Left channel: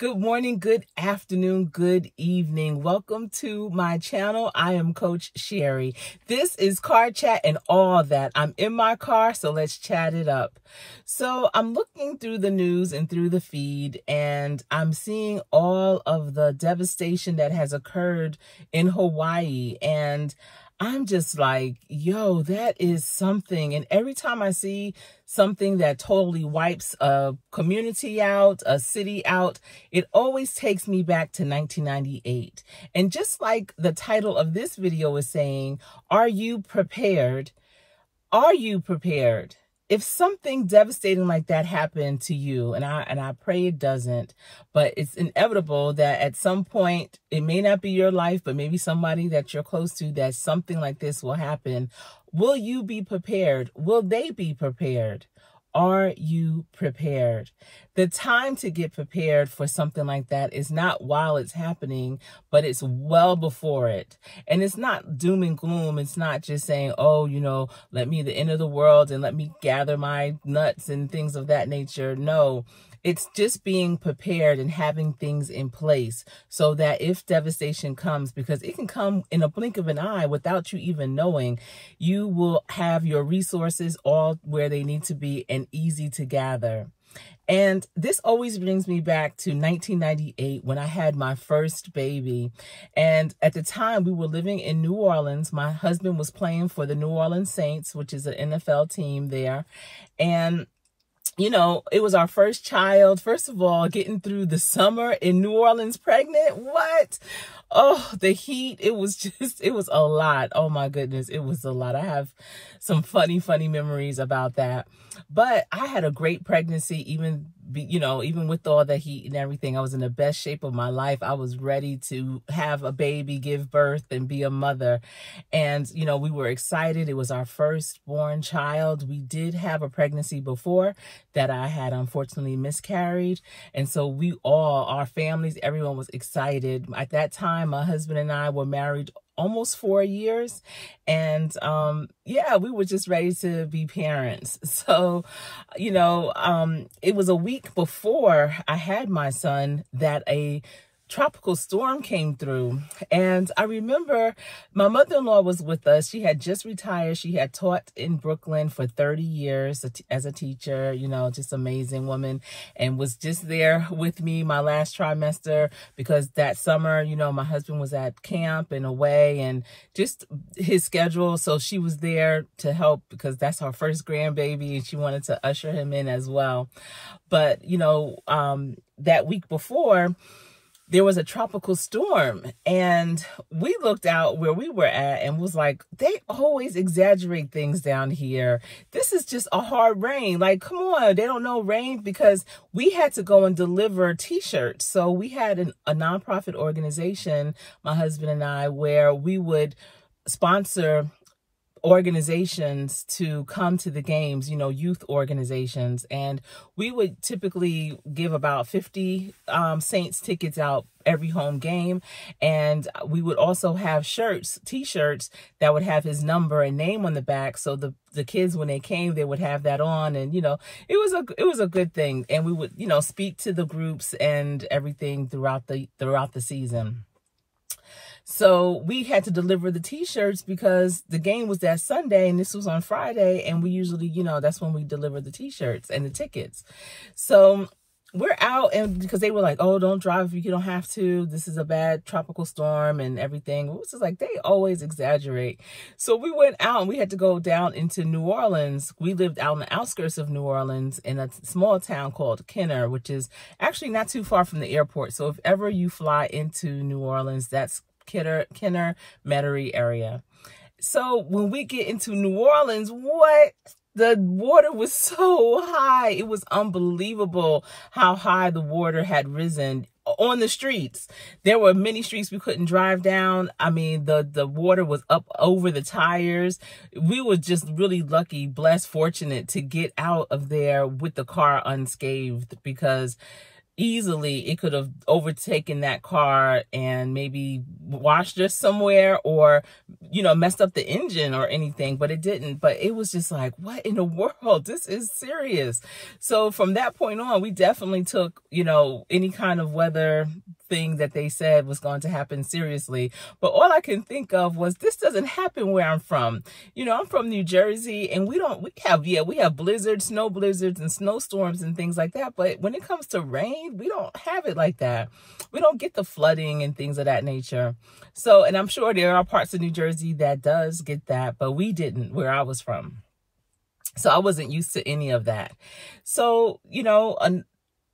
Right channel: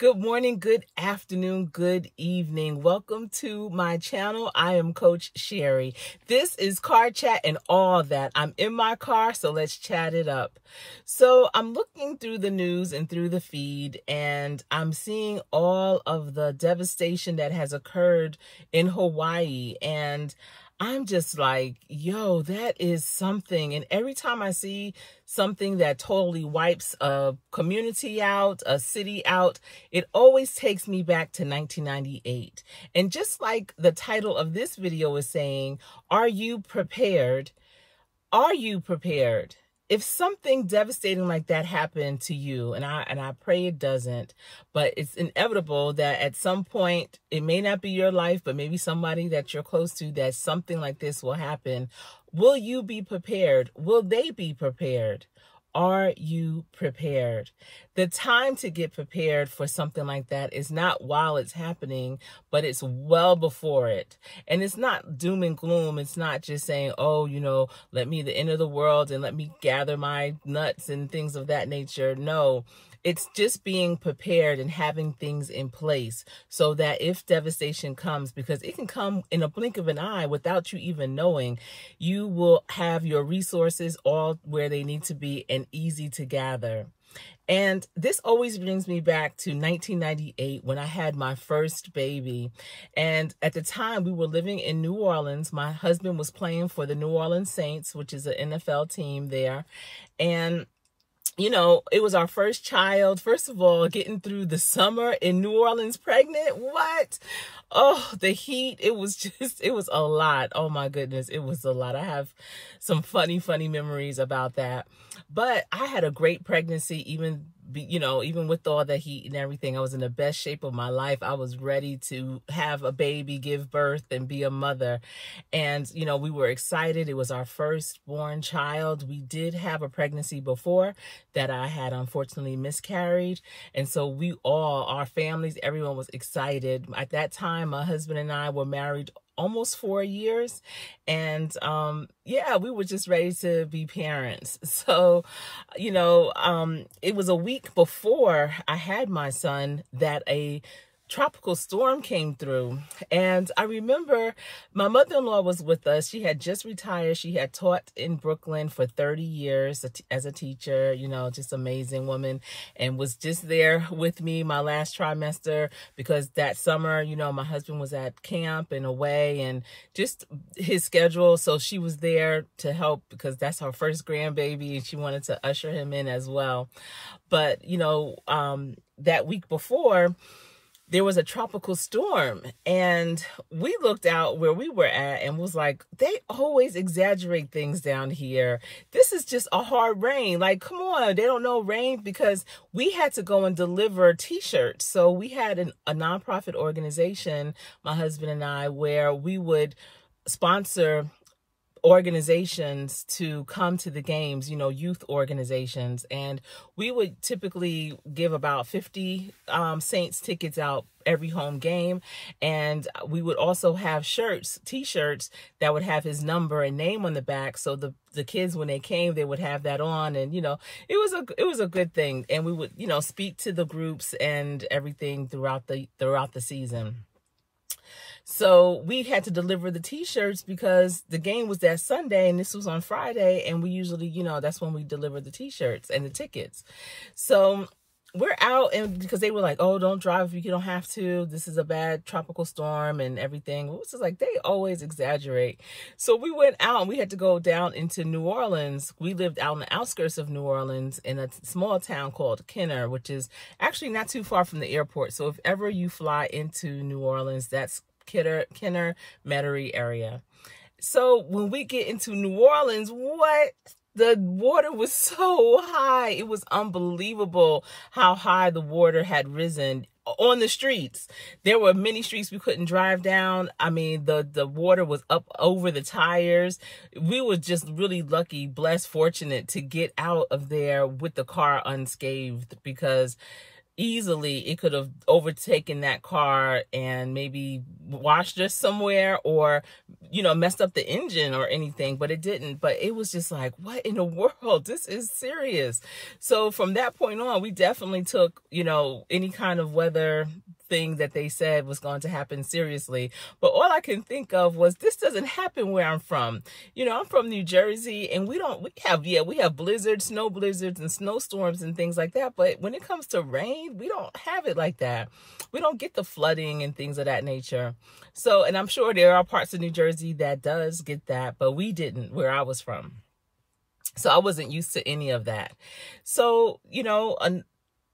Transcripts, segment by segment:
Good morning, good afternoon, good evening. Welcome to my channel. I am Coach Sherry. This is Car Chat and all that. I'm in my car, so let's chat it up. So I'm looking through the news and through the feed, and I'm seeing all of the devastation that has occurred in Hawaii. And I'm just like, yo, that is something. And every time I see something that totally wipes a community out, a city out, it always takes me back to 1998. And just like the title of this video is saying, are you prepared? Are you prepared? If something devastating like that happened to you, and I pray it doesn't, but it's inevitable that at some point, it may not be your life, but maybe somebody that you're close to, that something like this will happen. Will you be prepared? Will they be prepared? Are you prepared? The time to get prepared for something like that is not while it's happening, but it's well before it. And it's not doom and gloom. It's not just saying, oh, let me the end of the world and let me gather my nuts and things of that nature. No. It's just being prepared and having things in place so that if devastation comes, because it can come in a blink of an eye without you even knowing, you will have your resources all where they need to be and easy to gather. And this always brings me back to 1998 when I had my first baby. And at the time we were living in New Orleans. My husband was playing for the New Orleans Saints, which is an NFL team there. And it was our first child. First of all, getting through the summer in New Orleans pregnant. What? Oh, the heat. It was a lot. Oh my goodness. It was a lot. I have some funny memories about that. But I had a great pregnancy, even with all the heat and everything. I was in the best shape of my life. I was ready to have a baby, give birth, and be a mother. And, we were excited. It was our firstborn child. We did have a pregnancy before that I had unfortunately miscarried. And so our families, everyone was excited. At that time, my husband and I were married almost 4 years. And we were just ready to be parents. So, it was a week before I had my son that a tropical storm came through. And I remember my mother-in-law was with us. She had just retired. She had taught in Brooklyn for 30 years as a teacher, just amazing woman, and was just there with me my last trimester because that summer, my husband was at camp and away and just his schedule. So she was there to help because that's her first grandbaby and she wanted to usher him in as well. But, that week before, there was a tropical storm and we looked out where we were at and was like, they always exaggerate things down here. This is just a hard rain. Like, come on, they don't know rain, because we had to go and deliver t-shirts. So we had a nonprofit organization, my husband and I, where we would sponsor organizations to come to the games, youth organizations. And we would typically give about 50 Saints tickets out every home game. And we would also have t-shirts that would have his number and name on the back. So the kids, when they came, they would have that on. And, it was a good thing. And we would, speak to the groups and everything throughout the season. So we had to deliver the t-shirts because the game was that Sunday and this was on Friday. And we usually, that's when we deliver the t-shirts and the tickets. So we're out, and because they were like, oh, don't drive if you don't have to. This is a bad tropical storm and everything. It was just like, they always exaggerate. So we went out and we had to go down into New Orleans. We lived out on the outskirts of New Orleans in a small town called Kenner, which is actually not too far from the airport. So if ever you fly into New Orleans, that's Kenner, Metairie area. So when we get into New Orleans, the water was so high. It was unbelievable how high the water had risen on the streets. There were many streets we couldn't drive down. I mean, the water was up over the tires. We were just really lucky, blessed, fortunate to get out of there with the car unscathed, because easily it could have overtaken that car and maybe washed us somewhere, or, you know, messed up the engine or anything, but it didn't. But it was just like, what in the world? This is serious. So from that point on, we definitely took, you know, any kind of weather thing that they said was going to happen seriously. But all I can think of was, this doesn't happen where I'm from. You know, I'm from New Jersey, and we have blizzards, snow blizzards and snowstorms and things like that. But when it comes to rain, we don't have it like that. We don't get the flooding and things of that nature. So, and I'm sure there are parts of New Jersey that does get that, but we didn't where I was from. So I wasn't used to any of that. So, you know,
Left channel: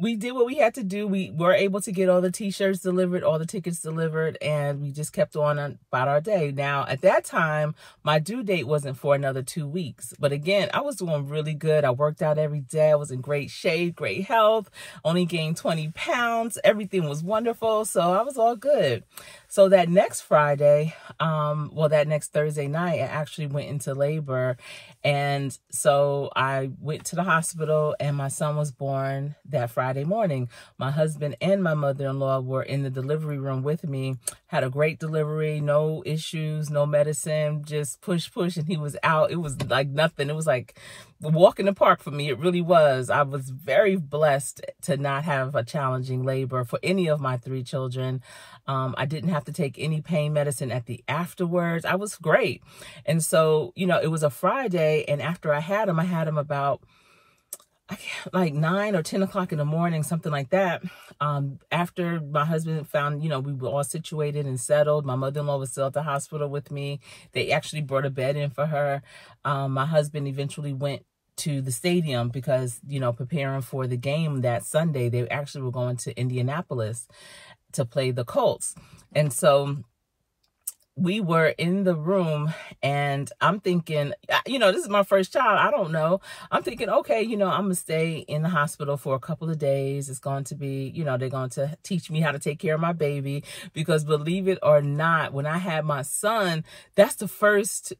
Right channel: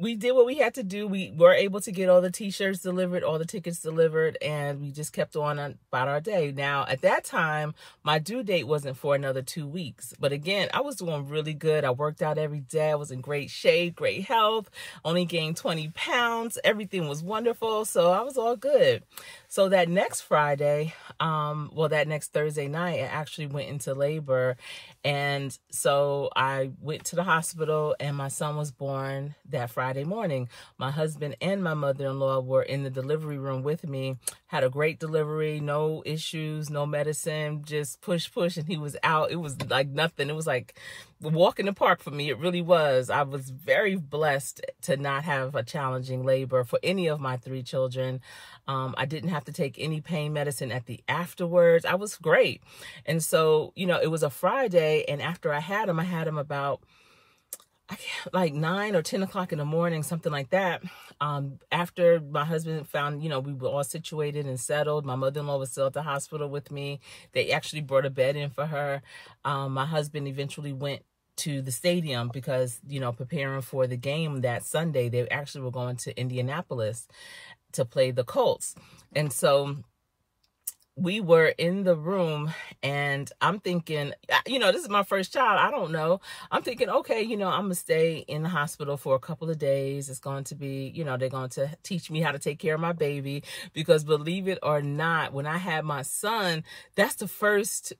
we did what we had to do. We were able to get all the t-shirts delivered, all the tickets delivered, and we just kept on about our day. Now, at that time, my due date wasn't for another 2 weeks. But again, I was doing really good. I worked out every day. I was in great shape, great health, only gained 20 pounds. Everything was wonderful. So I was all good. So that next Friday, that next Thursday night, I actually went into labor. And so I went to the hospital, and my son was born that Friday morning. My husband and my mother-in-law were in the delivery room with me, had a great delivery, no issues, no medicine, just push, and he was out. It was like nothing. It was like a walk in the park for me. It really was. I was very blessed to not have a challenging labor for any of my 3 children. I didn't have to take any pain medicine at the afterwards. I was great. And so, you know, it was a Friday, and after I had him about like 9 or 10 o'clock in the morning, something like that. After my husband found, you know, we were all situated and settled. My mother-in-law was still at the hospital with me. They actually brought a bed in for her. My husband eventually went to the stadium because, you know, preparing for the game that Sunday. They actually were going to Indianapolis to play the Colts. And so we were in the room, and I'm thinking, you know, this is my first child. I don't know. I'm thinking, okay, you know, I'm going to stay in the hospital for a couple of days. It's going to be, you know, they're going to teach me how to take care of my baby, because believe it or not, when I had my son, that's the first,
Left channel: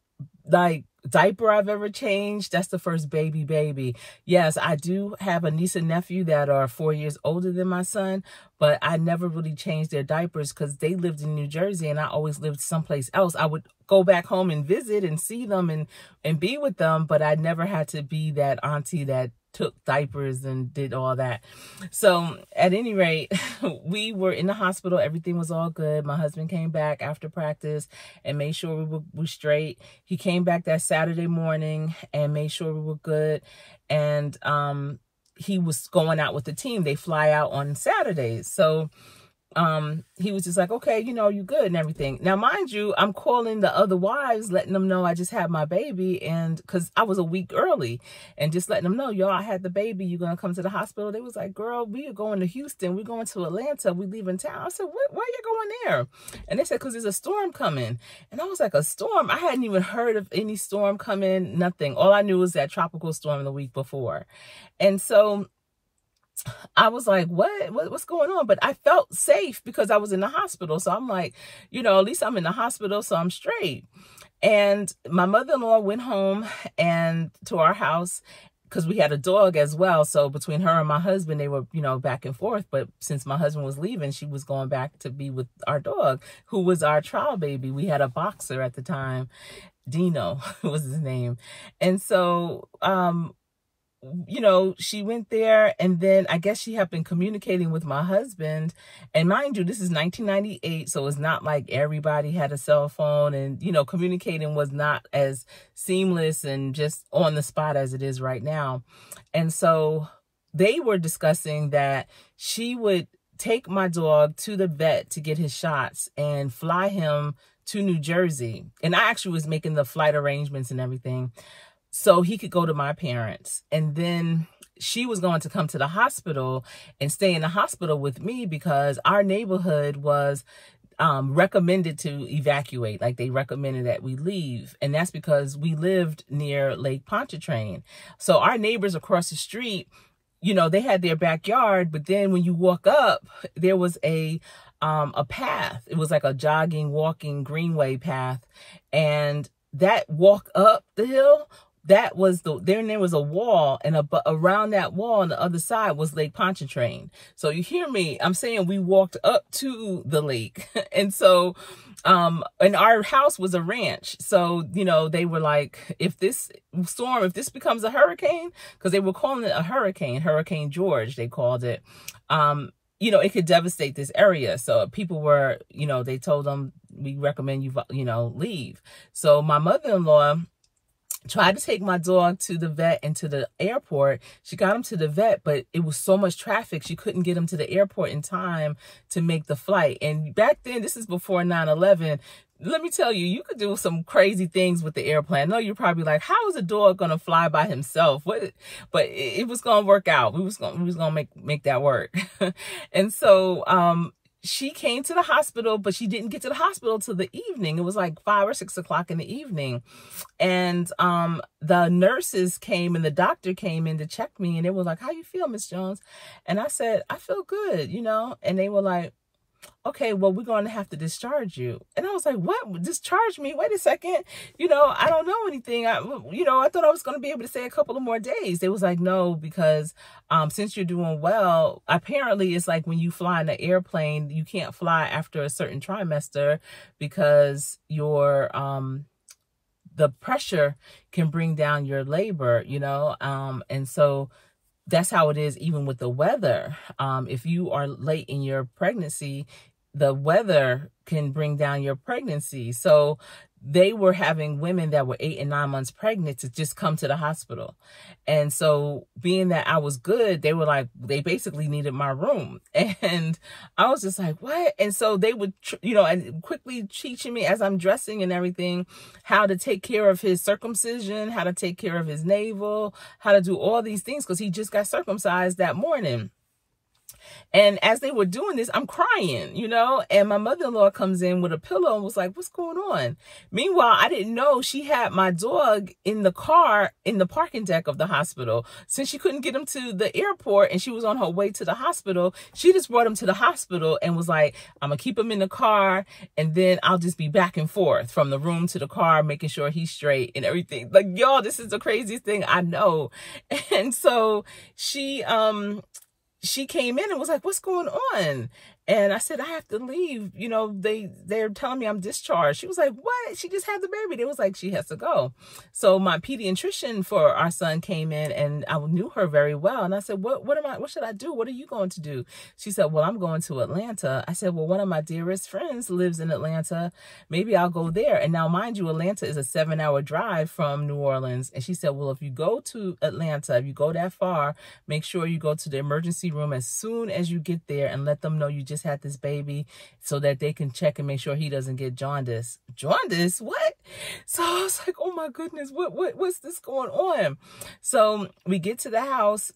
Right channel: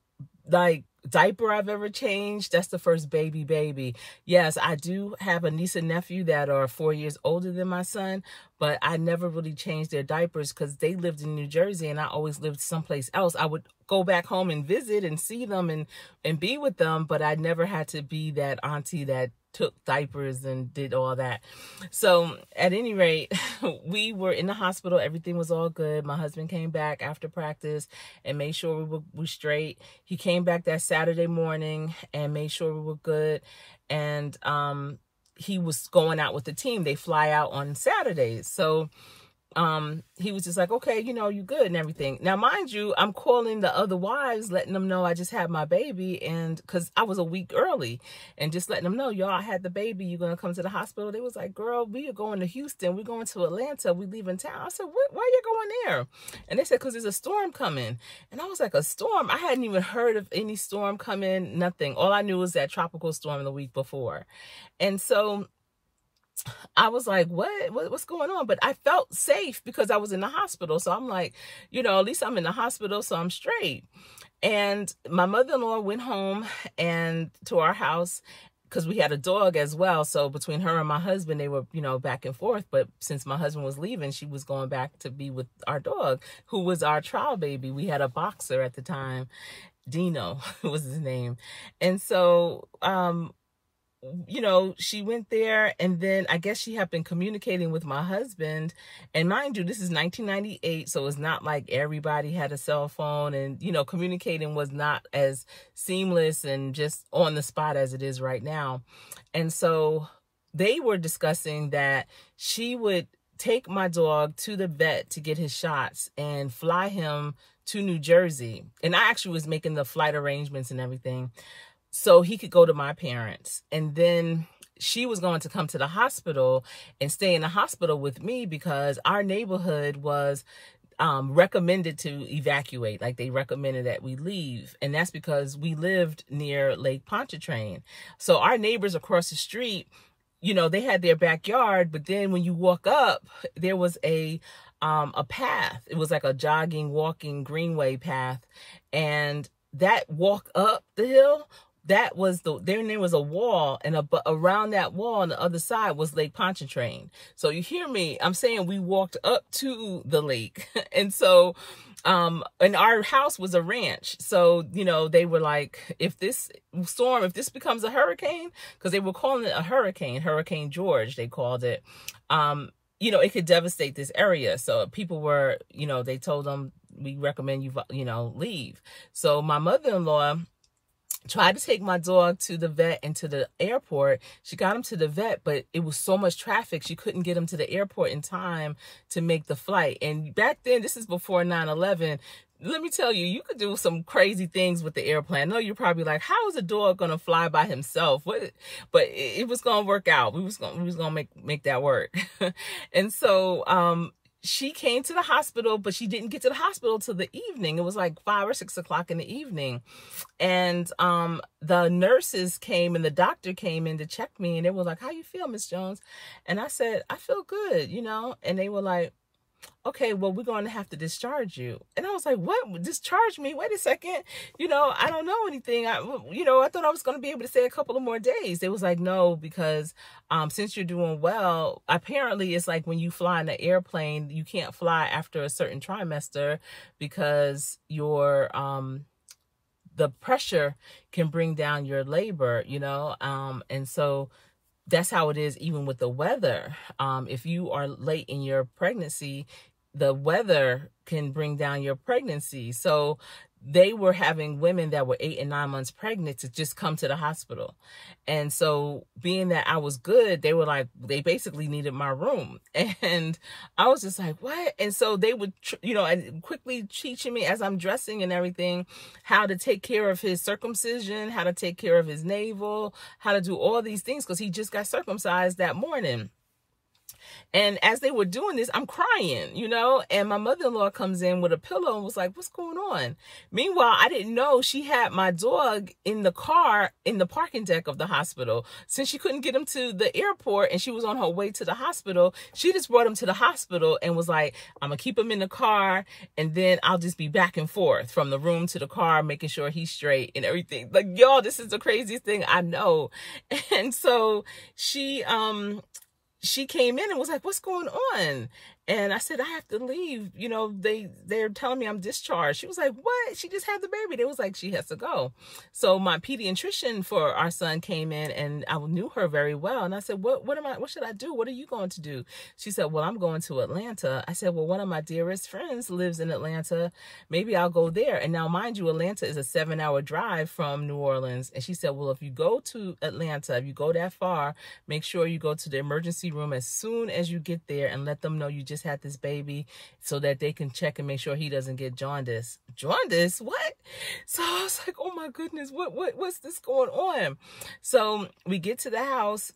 like, diaper I've ever changed. That's the first baby. Yes, I do have a niece and nephew that are 4 years older than my son, but I never really changed their diapers because they lived in New Jersey and I always lived someplace else. I would go back home and visit and see them and be with them, but I never had to be that auntie that took diapers and did all that. So at any rate, we were in the hospital. Everything was all good. My husband came back after practice and made sure we were straight. He came back that Saturday morning and made sure we were good. And he was going out with the team. They fly out on Saturdays. So he was just like, okay, you know, you good and everything. Now, mind you, I'm calling the other wives, letting them know I just had my baby, and because I was a week early, and just letting them know, y'all, I had the baby. You're going to come to the hospital? They was like, girl, we are going to Houston. We're going to Atlanta. We leaving town. I said, what? Why are you going there? And they said, because there's a storm coming. And I was like, a storm? I hadn't even heard of any storm coming, nothing. All I knew was that tropical storm the week before. And so I was like, what's going on? But I felt safe because I was in the hospital. So I'm like, you know, at least I'm in the hospital, so I'm straight. And my mother-in-law went home and to our house because we had a dog as well. So between her and my husband, they were, you know, back and forth. But since my husband was leaving, she was going back to be with our dog, who was our trial baby. We had a boxer at the time. Dino was his name. And so, you know, she went there, and then I guess she had been communicating with my husband. And mind you, this is 1998, so it's not like everybody had a cell phone, and, you know, communicating was not as seamless and just on the spot as it is right now. And so they were discussing that she would take my dog to the vet to get his shots and fly him to New Jersey. And I actually was making the flight arrangements and everything, so he could go to my parents. And then she was going to come to the hospital and stay in the hospital with me because our neighborhood was recommended to evacuate. Like, they recommended that we leave. And that's because we lived near Lake Pontchartrain. So our neighbors across the street, you know, they had their backyard, but then when you walk up, there was a path. It was like a jogging, walking greenway path. And that walk up the hill, that was then there was a wall, and around that wall on the other side was Lake Pontchartrain. So you hear me, I'm saying we walked up to the lake. And so and our house was a ranch. So, you know, they were like, if this becomes a hurricane, because they were calling it a hurricane, Hurricane George, they called it, you know, it could devastate this area. So people were, you know, they told them, we recommend you, you know, leave. So my mother-in-law tried to take my dog to the vet and to the airport. She got him to the vet, but it was so much traffic, she couldn't get him to the airport in time to make the flight. And back then, this is before 9/11. Let me tell you, you could do some crazy things with the airplane. I know you're probably like, how is a dog going to fly by himself? What? But it was going to work out. We was going to make that work. And so, she came to the hospital, but she didn't get to the hospital till the evening. It was like 5 or 6 o'clock in the evening. And the nurses came and the doctor came in to check me, and they were like, how you feel, Miss Jones? And I said, I feel good, you know? And they were like, okay, well, we're going to have to discharge you. And I was like, what? Discharge me? Wait a second. You know, I don't know anything. I thought I was going to be able to stay a couple of more days. They was like, no, because since you're doing well, apparently it's like when you fly in an airplane, you can't fly after a certain trimester because your the pressure can bring down your labor, you know, and so that's how it is even with the weather. If you are late in your pregnancy, the weather can bring down your pregnancy. So they were having women that were 8 and 9 months pregnant to just come to the hospital. And so being that I was good, they were like, they basically needed my room. And I was just like, what? And so they would, you know, and quickly teaching me as I'm dressing and everything, how to take care of his circumcision, how to take care of his navel, how to do all these things, because he just got circumcised that morning. And as they were doing this, I'm crying, you know, and my mother-in-law comes in with a pillow and was like, what's going on? Meanwhile, I didn't know she had my dog in the car in the parking deck of the hospital. Since she couldn't get him to the airport and she was on her way to the hospital, she just brought him to the hospital and was like, I'm going to keep him in the car, and then I'll just be back and forth from the room to the car, making sure he's straight and everything. Like, y'all, this is the craziest thing I know. And so she came in and was like, what's going on? And I said, I have to leave. You know, they're telling me I'm discharged. She was like, what? She just had the baby. They was like, she has to go. So my pediatrician for our son came in, and I knew her very well. And I said, what should I do? What are you going to do? She said, well, I'm going to Atlanta. I said, well, one of my dearest friends lives in Atlanta. Maybe I'll go there. And now, mind you, Atlanta is a 7-hour drive from New Orleans. And she said, well, if you go to Atlanta, if you go that far, make sure you go to the emergency room as soon as you get there and let them know you just had this baby, so that they can check and make sure he doesn't get jaundice. Jaundice? What? So I was like, oh my goodness, what's this going on? So we get to the house.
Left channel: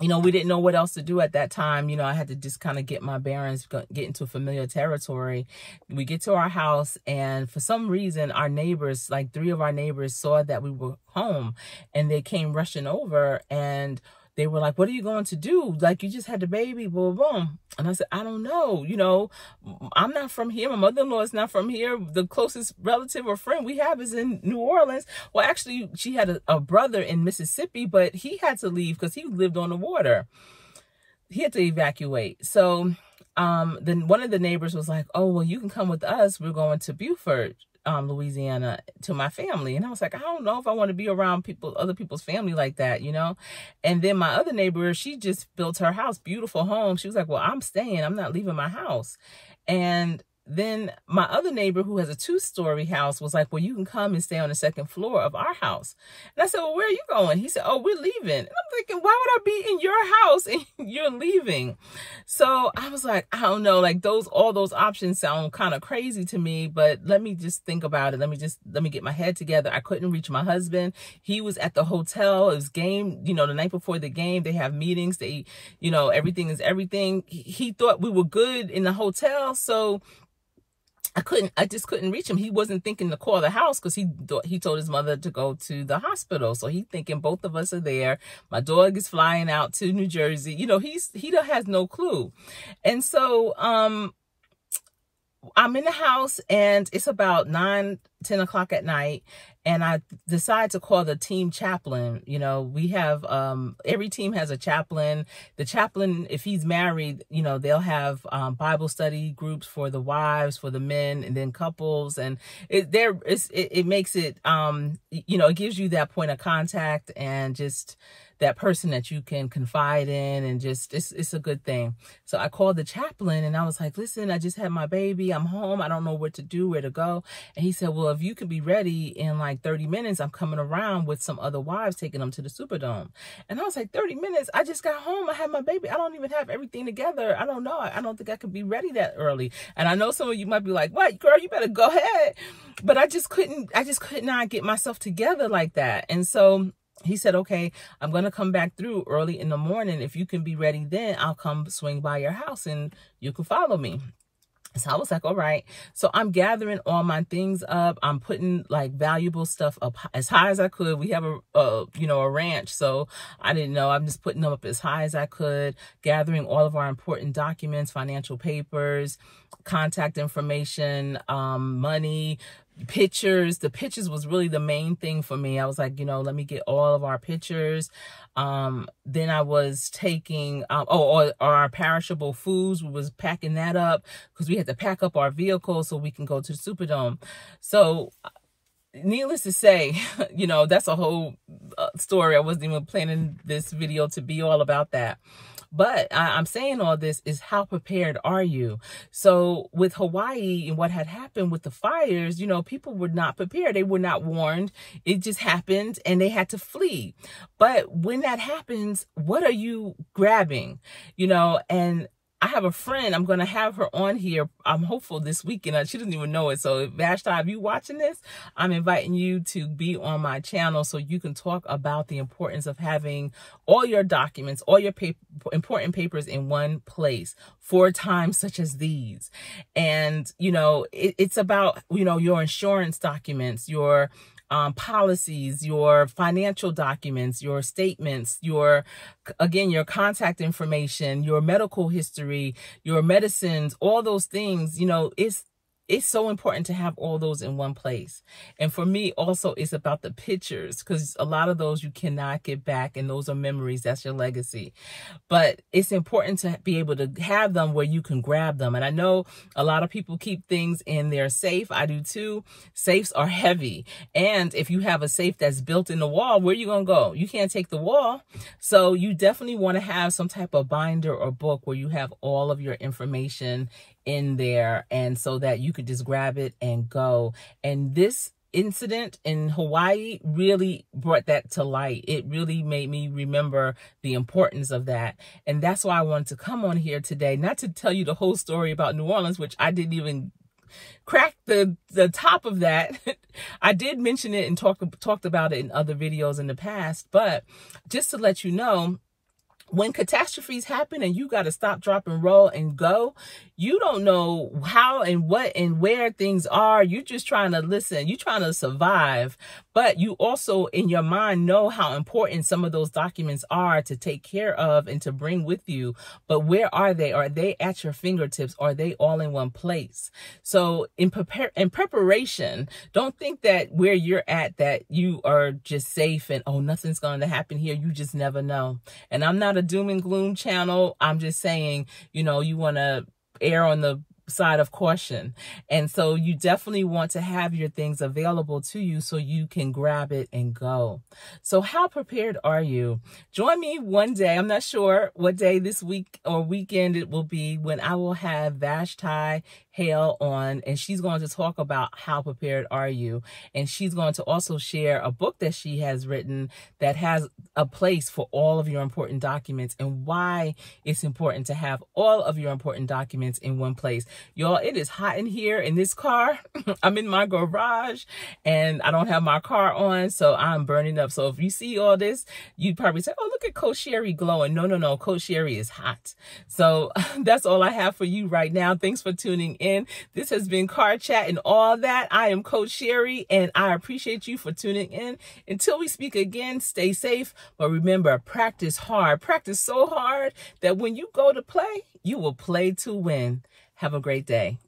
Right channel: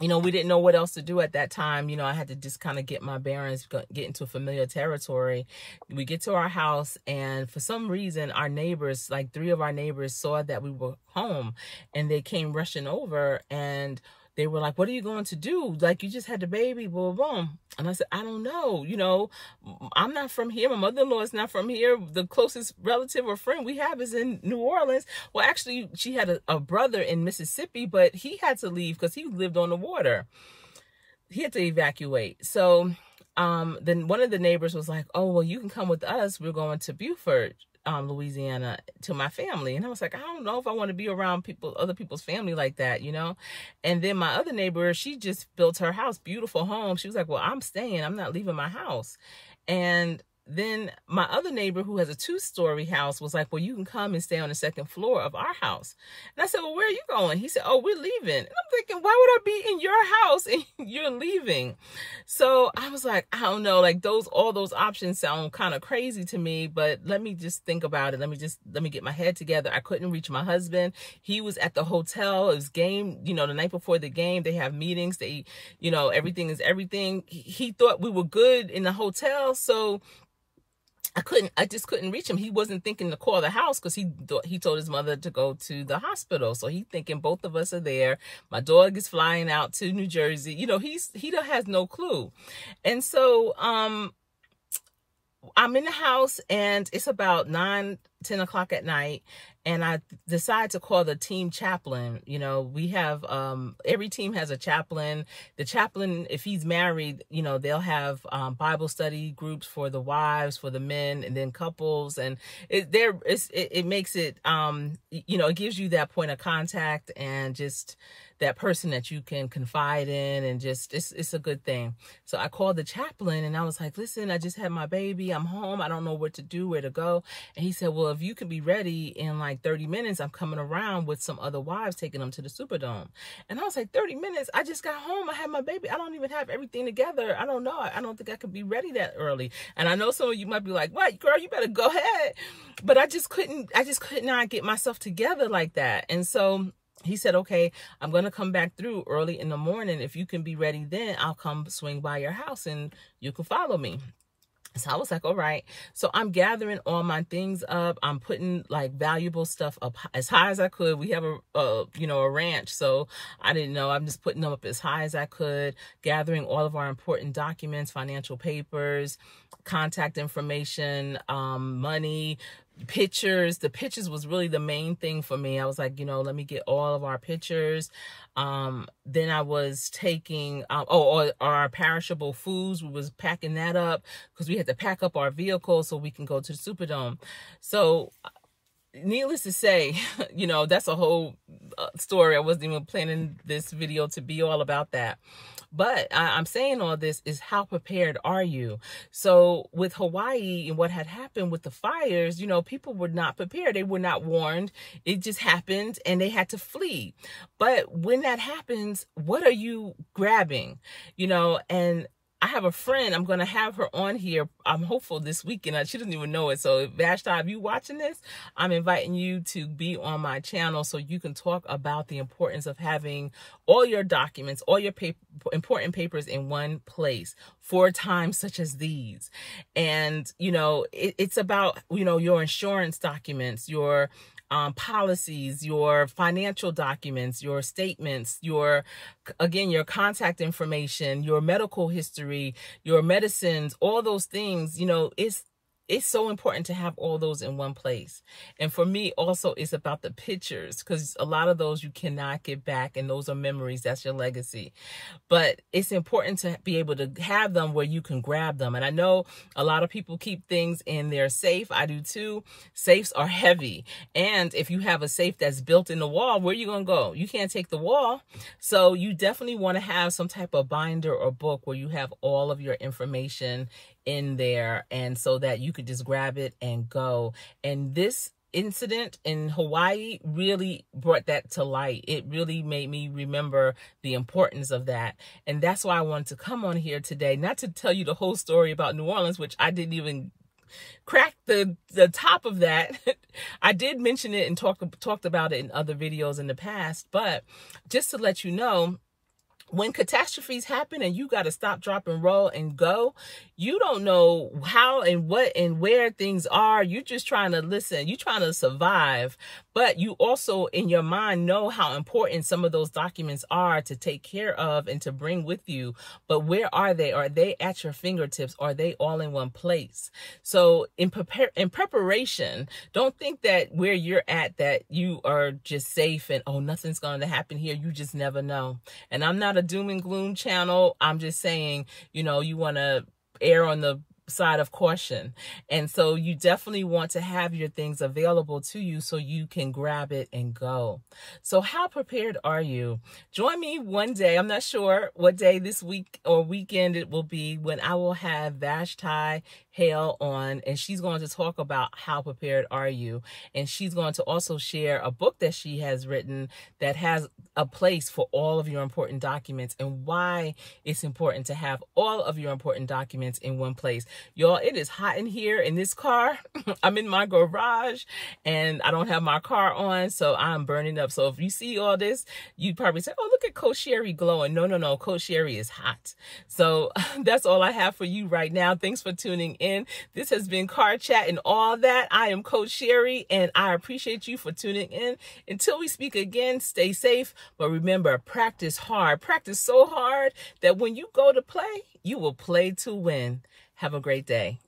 You know, we didn't know what else to do at that time. You know, I had to just kind of get my bearings, get into familiar territory. We get to our house, and for some reason, our neighbors, like 3 of our neighbors, saw that we were home, and they came rushing over, and they were like, what are you going to do? Like, you just had the baby, boom, boom. And I said, I don't know. You know, I'm not from here. My mother-in-law is not from here. The closest relative or friend we have is in New Orleans. Well, actually, she had a brother in Mississippi, but he had to leave because he lived on the water. He had to evacuate. So then one of the neighbors was like, oh, well, you can come with us. We're going to Beaufort, Louisiana, to my family. And I was like, I don't know if I want to be around other people's family like that, you know? And then my other neighbor, she just built her house, beautiful home. She was like, well, I'm staying. I'm not leaving my house. And then my other neighbor, who has a 2-story house, was like, well, you can come and stay on the 2nd floor of our house. And I said, well, where are you going? He said, oh, we're leaving. And I'm thinking, why would I be in your house and you're leaving? So I was like, I don't know, like all those options sound kind of crazy to me, but let me just think about it. Let me get my head together. I couldn't reach my husband. He was at the hotel. It was game, you know, the night before the game, they have meetings. They, you know, everything is everything. He thought we were good in the hotel. So I just couldn't reach him. He wasn't thinking to call the house because he told his mother to go to the hospital. So he thinking both of us are there. My dog is flying out to New Jersey. You know, he has no clue. And so I'm in the house, and it's about 9 10 o'clock at night, and I decided to call the team chaplain. You know, we have, every team has a chaplain. The chaplain, if he's married, you know, they'll have Bible study groups for the wives, for the men, and then couples. And it makes it, you know, it gives you that point of contact and just that person that you can confide in, and just, it's a good thing. So I called the chaplain and I was like, listen, I just had my baby. I'm home. I don't know what to do, where to go. And he said, well, if you could be ready in like 30 minutes, I'm coming around with some other wives, taking them to the Superdome. And I was like, 30 minutes? I just got home. I had my baby. I don't even have everything together. I don't know. I don't think I could be ready that early. And I know some of you might be like, what, girl, you better go ahead. But I could not get myself together like that. And so he said, okay, I'm going to come back through early in the morning. If you can be ready then, I'll come swing by your house and you can follow me. So I was like, all right. So I'm gathering all my things up. I'm putting like valuable stuff up as high as I could. We have a ranch. So I didn't know. I'm just putting them up as high as I could, gathering all of our important documents, financial papers, contact information, money, pictures. The pictures was really the main thing for me. I was like, you know, let me get all of our pictures. Then I was taking, our perishable foods. We was packing that up because we had to pack up our vehicle so we can go to the Superdome. So needless to say, you know, that's a whole story. I wasn't even planning this video to be all about that. But I'm saying all this is, how prepared are you? So with Hawaii and what had happened with the fires, you know, people were not prepared. They were not warned. It just happened and they had to flee. But when that happens, what are you grabbing? You know, and I have a friend, I'm going to have her on here. I'm hopeful this weekend. She doesn't even know it. So Vashti, if you watching this, I'm inviting you to be on my channel so you can talk about the importance of having all your documents, all your important papers in one place for times such as these. And, you know, it's about, you know, your insurance documents, your policies, your financial documents, your statements, your contact information, your medical history, your medicines, all those things. You know, it's so important to have all those in one place. And for me also, it's about the pictures, because a lot of those you cannot get back, and those are memories. That's your legacy. But it's important to be able to have them where you can grab them. And I know a lot of people keep things in their safe. I do too. Safes are heavy. And if you have a safe that's built in the wall, where are you going to go? You can't take the wall. So you definitely want to have some type of binder or book where you have all of your information in there, and so that you could just grab it and go. And this incident in Hawaii really brought that to light. It really made me remember the importance of that. And that's why I wanted to come on here today, not to tell you the whole story about New Orleans, which I didn't even crack the top of that. I did mention it and talked about it in other videos in the past, but just to let you know, when catastrophes happen and you got to stop, drop, and roll and go, you don't know how and what and where things are. You're just trying to listen. You're trying to survive. But you also, in your mind, know how important some of those documents are to take care of and to bring with you. But where are they? Are they at your fingertips? Are they all in one place? So in preparation, don't think that where you're at, that you are just safe and, oh, nothing's going to happen here. You just never know. And I'm not a doom and gloom channel. I'm just saying, you know, you want to err on the side of caution. And so you definitely want to have your things available to you so you can grab it and go. So how prepared are you? Join me one day. I'm not sure what day this week or weekend it will be, when I will have Vashti Hale on, and she's going to talk about how prepared are you. And she's going to also share a book that she has written that has a place for all of your important documents, and why it's important to have all of your important documents in one place. Y'all, it is hot in here in this car. I'm in my garage and I don't have my car on, so I'm burning up. So if you see all this, you probably say, oh, look at Coach Sherry glowing. No, Coach Sherry is hot. So that's all I have for you right now. Thanks for tuning in. This has been Car Chat and All That. I am Coach Sherry, and I appreciate you for tuning in. Until we speak again, stay safe. But remember, practice hard. Practice so hard that when you go to play, you will play to win. Have a great day.